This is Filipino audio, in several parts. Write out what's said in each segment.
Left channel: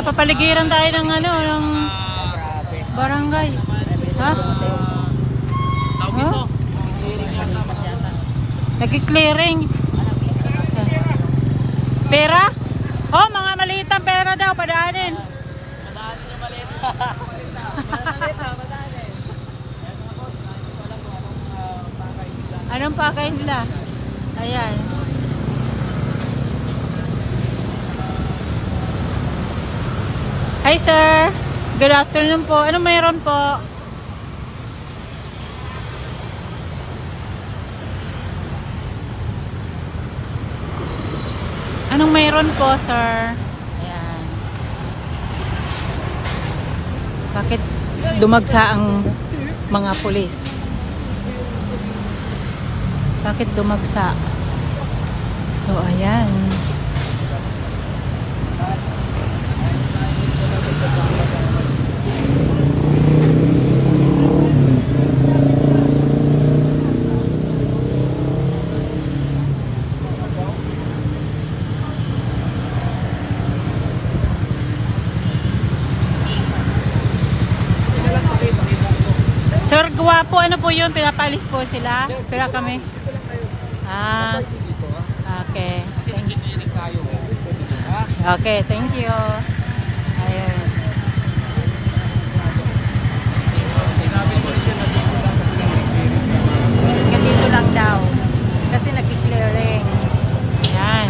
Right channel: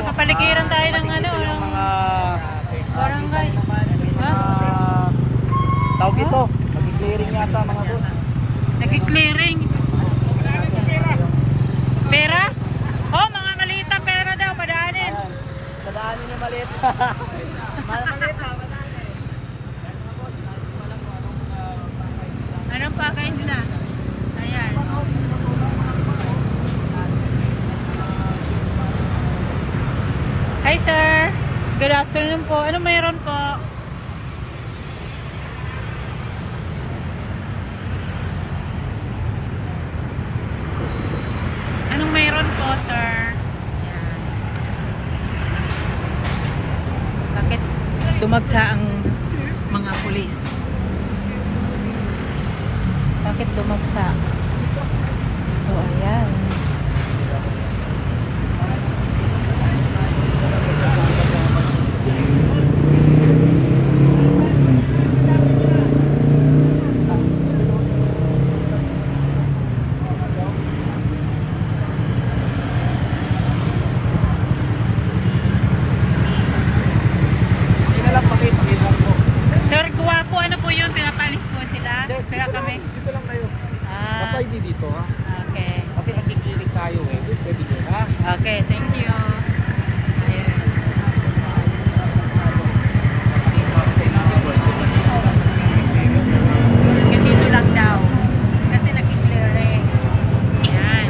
napapaligiran tayo ng ano, ng barangay. Ha? Tawag ito. Nag-clearing. Pera? Oh, mga maliit ang pera daw, padaanin. Padaanin yung maliit. Maliit lang, padaanin. Anong pakay nila? Ayan. Hi sir. Good afternoon po. Anong mayroon po? Anong mayroon po, sir? Ayan. Bakit dumagsa ang mga pulis? Bakit dumagsa? So, ayan. Sir, guwapo, ano po yun? Pinapalis po sila? Pila kami? Dito lang kayo. Ah, Basta hindi dito ha. okay. Kasi nagkikinig tayo eh. Dito dito ha. Okay, thank you. Ayan. Napakita ko sa inyo mga boss. Nagkikinis lang ako. Nandito lang daw. Kasi nagki-clearing. Ayan.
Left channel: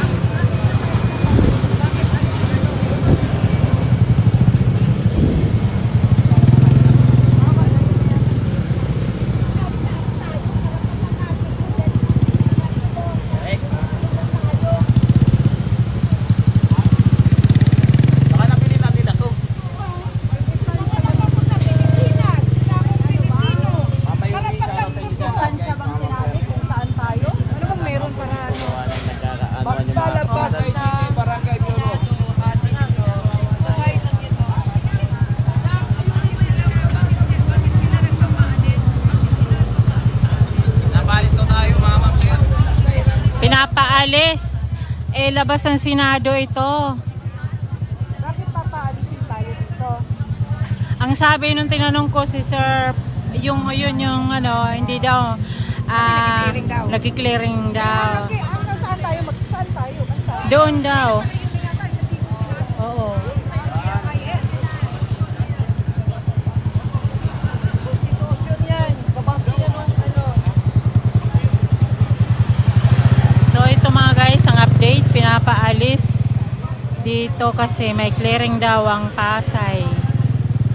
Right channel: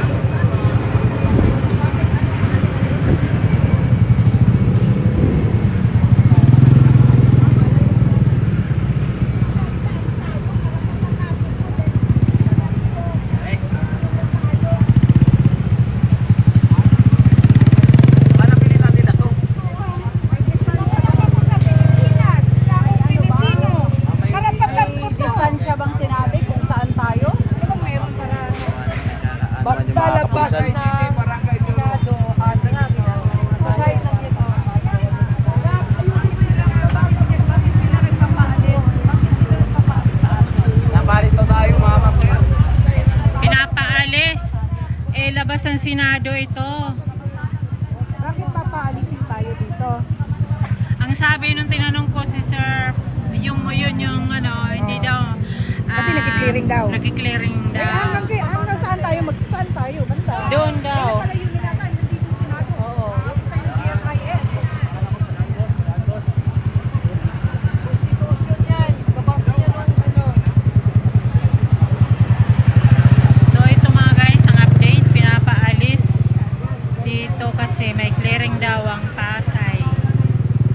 Baka napili natin na to. Distansya bang sinabi kung saan tayo? Ano man yung mga kapulisan. City, Barangay Bureau. Napalis daw tayo mga ma'am sir. Pinapaalis. Eh, labas ng Senado ito. Bakit papaalisin tayo dito? Ang sabi nung tinanong ko si Sir, yung ano, hindi daw. Kasi nagki-clearing daw. Nagki-clearing daw. Hanggang saan tayo? Saan tayo? Basta. Doon daw. Malayo na yata, nandito yung Senado. Aabot tayo ng GSIS. Yan, So ito mga guys, ang update, pinapaalis dito kasi may clearing daw ang Pasay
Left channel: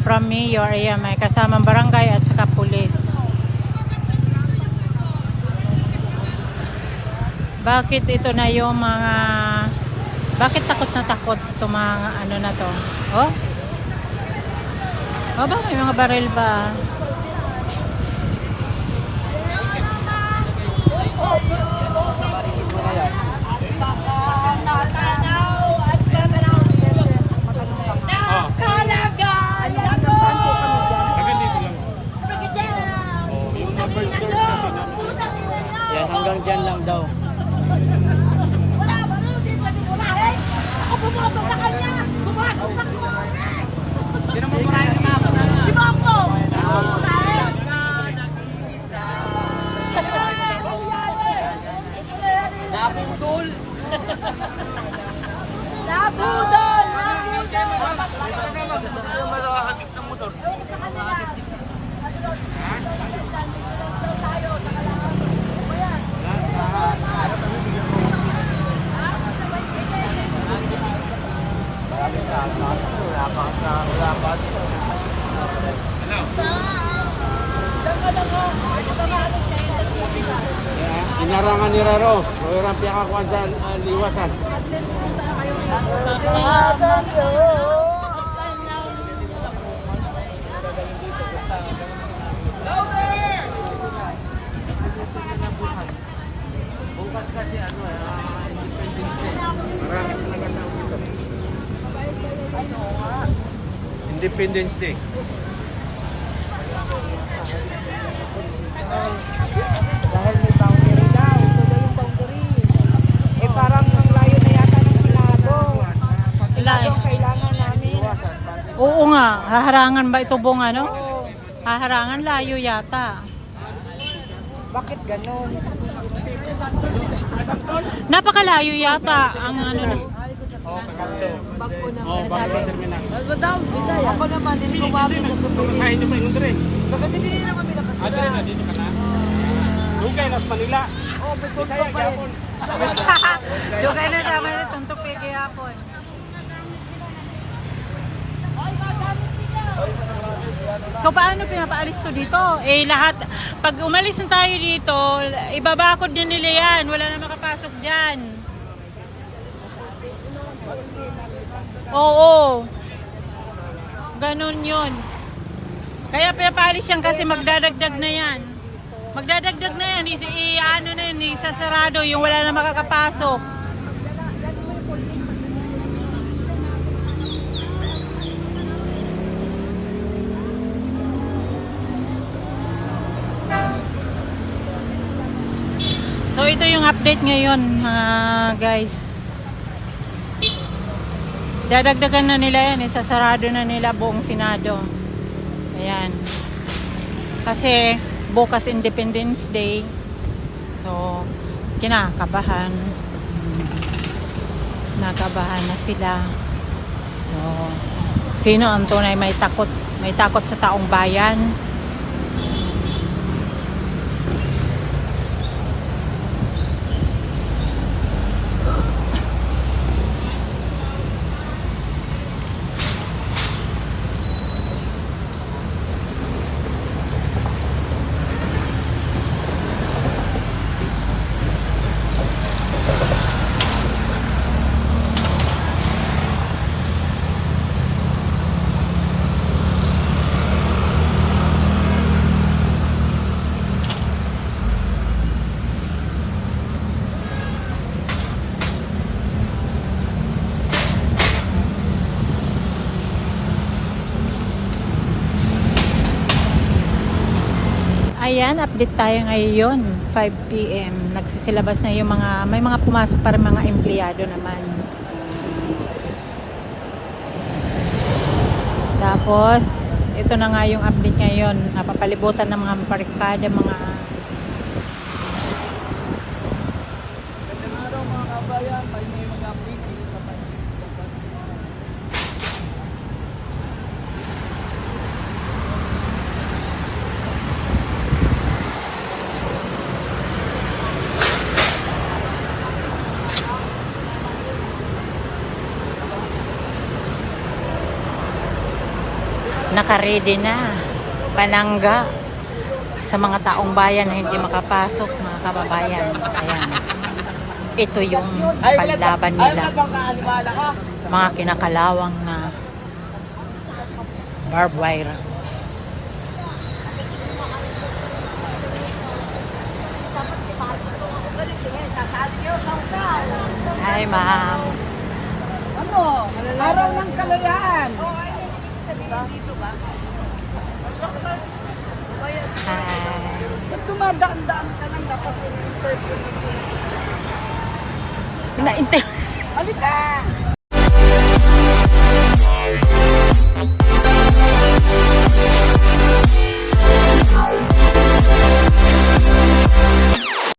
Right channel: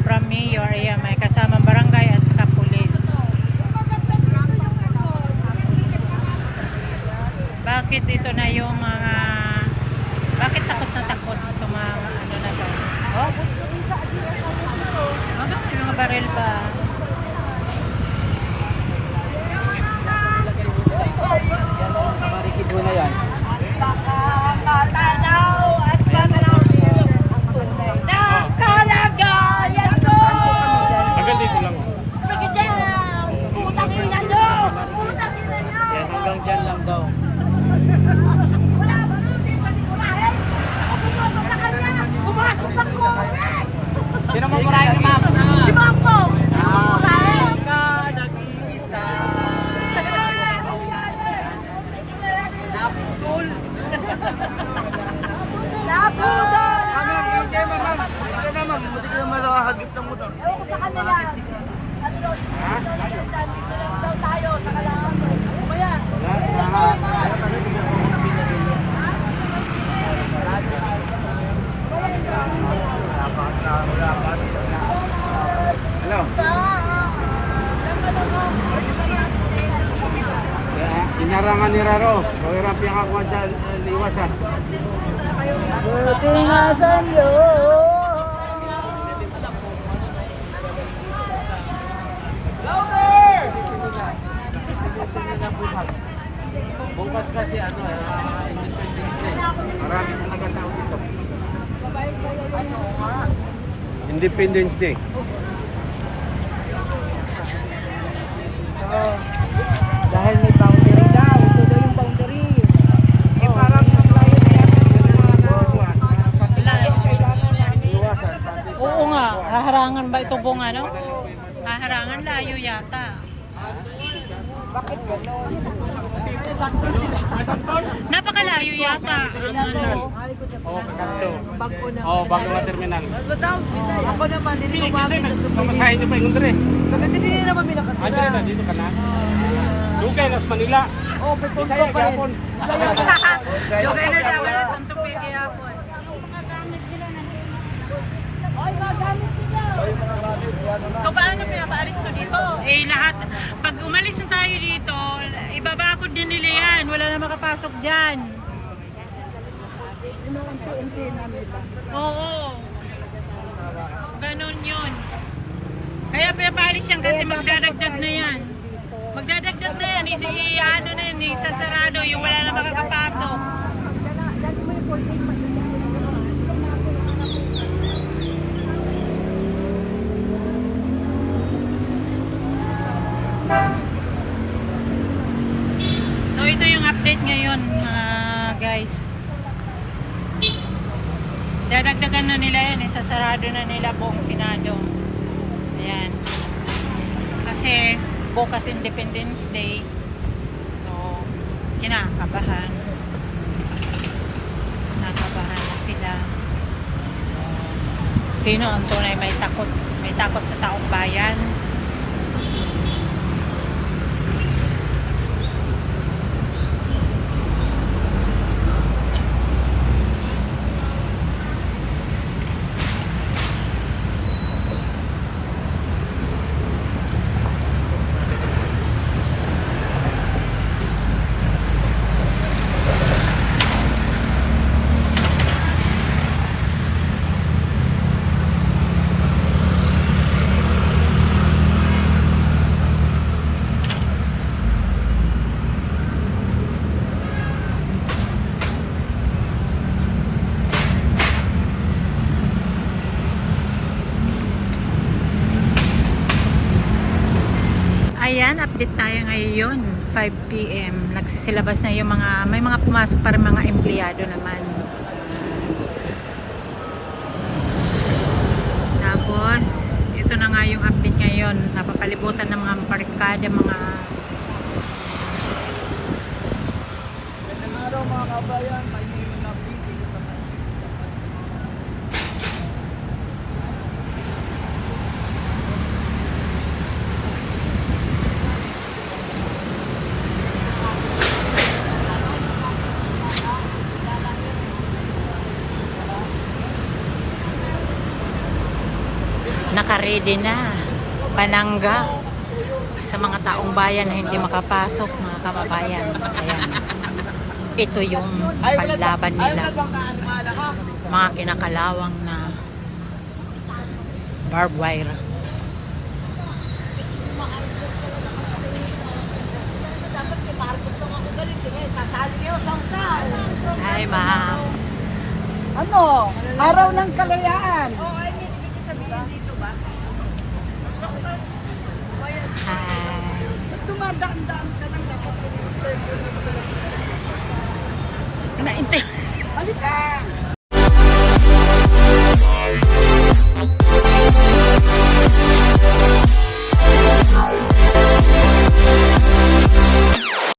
from Mayor. Ayan, may kasamang barangay at saka pulis. Bakit ito na yung mga, bakit takot na takot ito mga ano na to? Oh? Oh ba, may mga baril ba? Hanggang dito lang. Yan hanggang dyan lang daw. Sino mo murahin ni ma'am? Naputol. Ano? Inarangan ni Raro. O irang piyakakuan sa liwasan. Bukas kasi ano, marami talaga tao dito. Independence Day. Dahil may pangdiri daw. Ito daw yung pangdiri. Eh parang ngayon na yata. Wala. haharangan ba ito bong ano? Haharangan layo yata. Napakalayo yata ang ano. Bago na. Oh, bago nga terminal. Ako naman, hindi ko Kasi nagpamasahin nyo pa yung under eh. Bagay din naman pinaka. Ano na, dito pa na? Doon kayo, nasa Manila. Di kaya, gapon. Dugay na sa mga tuntok kaya po. So paano pinapaalis to dito? Eh lahat, pag umalis na tayo dito, ibabakod din nila yan. Wala na makapasok dyan. Oo. Ganon yun. Kaya pinapaalis yan kasi magdadagdag na yan. Magdadagdag na yan. Ano na yan, isasarado yung wala na makakapasok. So ito yung update ngayon mga guys. Dadagdagan na nila yan, isasarado na nila buong Senado. Ayan. Kasi bukas Independence Day. So kinakabahan. Nakabahan na sila. So, sino ang tunay may takot? May takot sa taong bayan? Ayan, update tayo ngayon, 5 PM. Nagsisilabas na yung mga, may mga pumasok para mga empleyado naman. Tapos, ito na nga yung update ngayon. Napapalibutan ng mga barkada, mga... Magandang araw mga kabayan. Tayo may mga update dito sa Naka-ready na panangga sa mga taong bayan na hindi makapasok, mga kababayan. Ayan. Ito yung panlaban nila. Mga kinakalawang na barbed wire. Hi, ma'am. ano? Araw ng kalayaan. Hi. Dumadaan-daan ka ng Nainter... Halika!